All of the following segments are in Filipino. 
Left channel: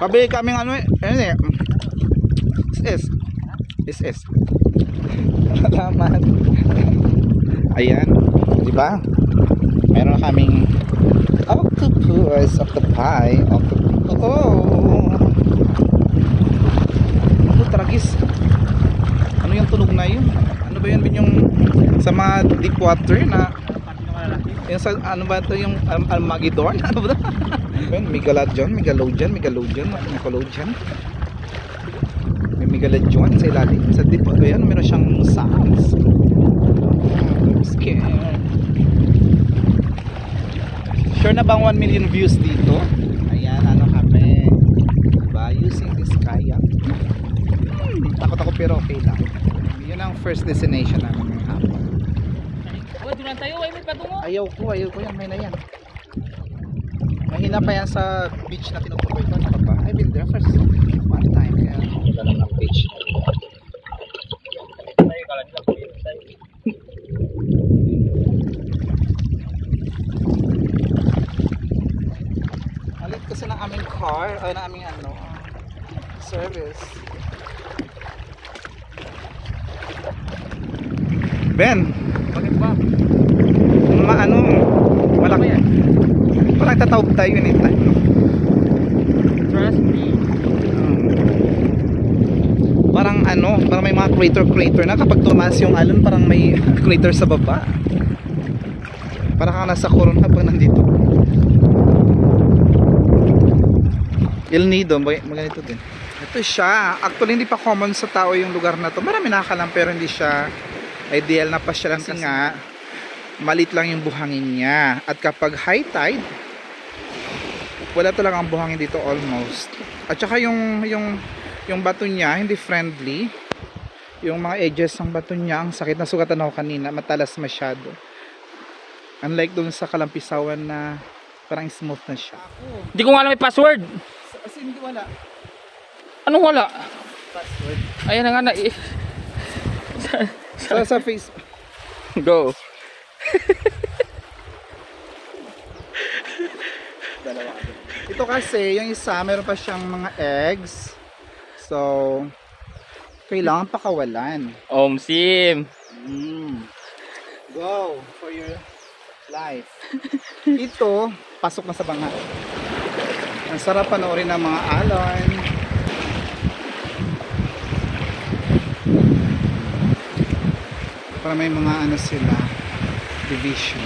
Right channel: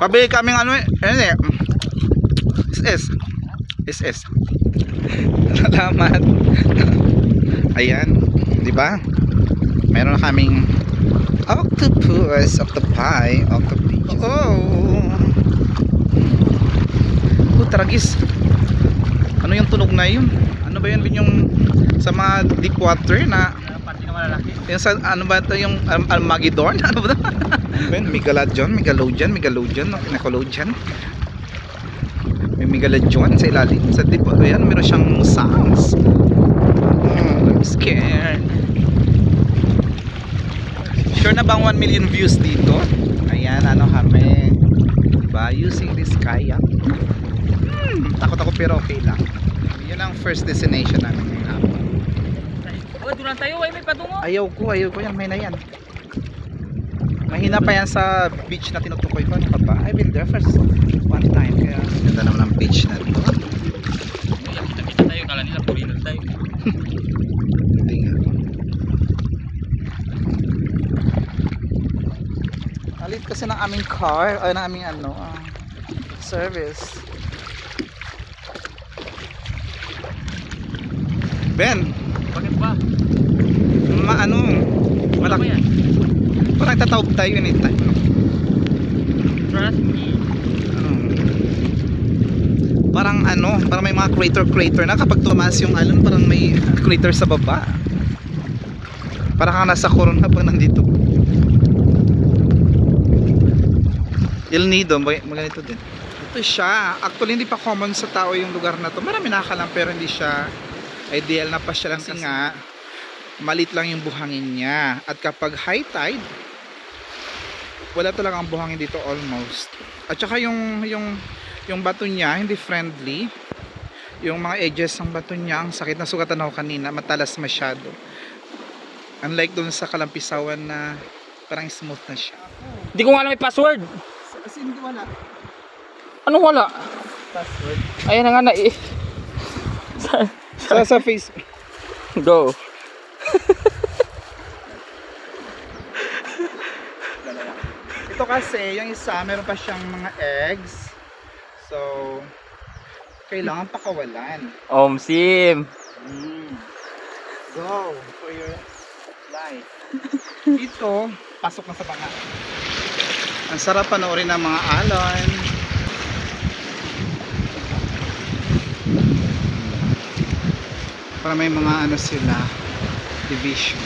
Pabili kaming ano eh. Ano eh. SS. SS. Salamat. Ayan. Diba? Meron na kaming octopus, octopi, octopi. Oh. Oh, tragis. Ano yung tunog na yun? Ano ba yun yung sa mga deep water na Pati na malalaki. yung sa ano ba ito yung Armageddon? Ano ba ito? Ben, Megalodon, Nickelodeon. May Megalodon sa ilalim. Sa deep water yan, meron siyang sounds. I'm scared. Sure na bang 1 million views dito? Ayan, ano kami. Diba? Using this kayak. Takot ako pero okay lang. Yun ang first destination namin ngayong hapon. Oh, doon lang tayo. Ay, may patungo. Ayaw ko yan. May na yan. Mahina pa yan sa beach na tinutukoy ko. Ano ba? I've been there first one time. Kaya ganda naman ang beach na ito. Kita tayo. Kala nila purinan tayo. Hindi nga. Alit kasi ng aming car. Ay, ng aming ano, service. Ben, Bakit ba? Malaki yan. Parang tatawag tayo anytime, no? Trust me. Parang may mga crater na kapag tumaas yung alon, parang may crater sa baba. Parang kang nasa Corona pag nandito. El Nido, maganito din. Ito siya. Actually, hindi pa common sa tao yung lugar na to. Marami nakakalam pero hindi siya ideal na pasyalan kasi nga malit lang yung buhangin niya. At kapag high tide, wala talagang buhangin dito almost. At saka yung bato niya hindi friendly. Yung mga edges ng bato niya, ang sakit na sugatan ako kanina, matalas masyado. Unlike dun sa Kalampisawan na parang smooth na siya. Hindi ko nga alam may password. As in, wala. Anong wala? Password. Ayan na nga na Sa Facebook. Go. Ito kasi, yung isa, meron pa siyang mga eggs. So, kailangan pakawalan. Sim. Go for your life. Ito, pasok na sa banga. Ang sarap panoorin ng mga alon. Para may mga sila, division.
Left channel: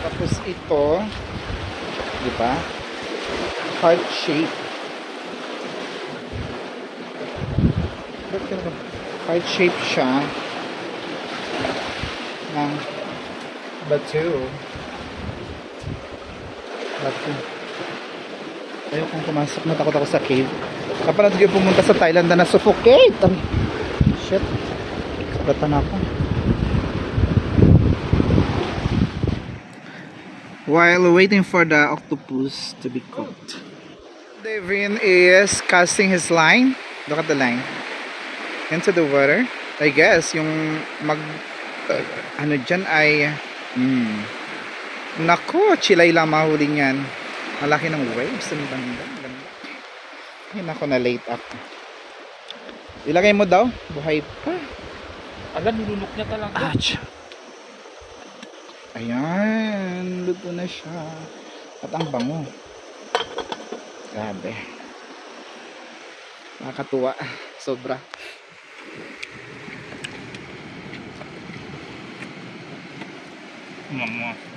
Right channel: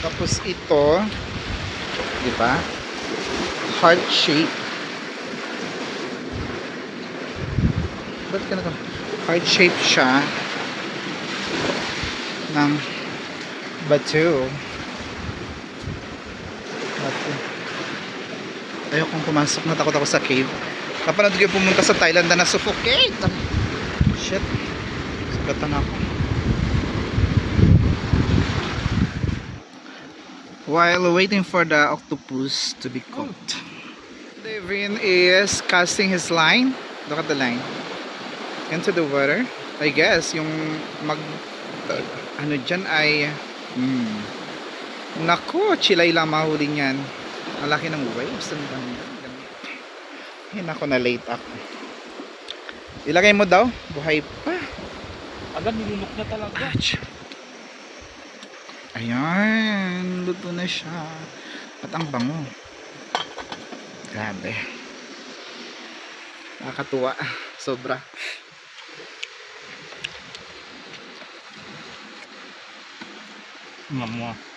Tapos ito, di ba? Heart shape. Ba't ka na? Heart shape siya ng bato. Ayaw kong pumasok, natakot ako sa cave. Kapag natin pumunta sa Thailand na suffocate. Shit. Sagatan ako. While waiting for the octopus to be cooked, Devin is casting his line. Look at the line into the water. I guess yung dyan ay naku, chilay lang mahuli niyan. Malaki ng waves ang banda. Ganda. Ay naku, na late ako. Ilagay mo daw, buhay pa. Agad nilunok niya talaga. Ouch. Ayan, luto na siya. At ang bango. Grabe. Nakakatuwa. Sobra. Mama.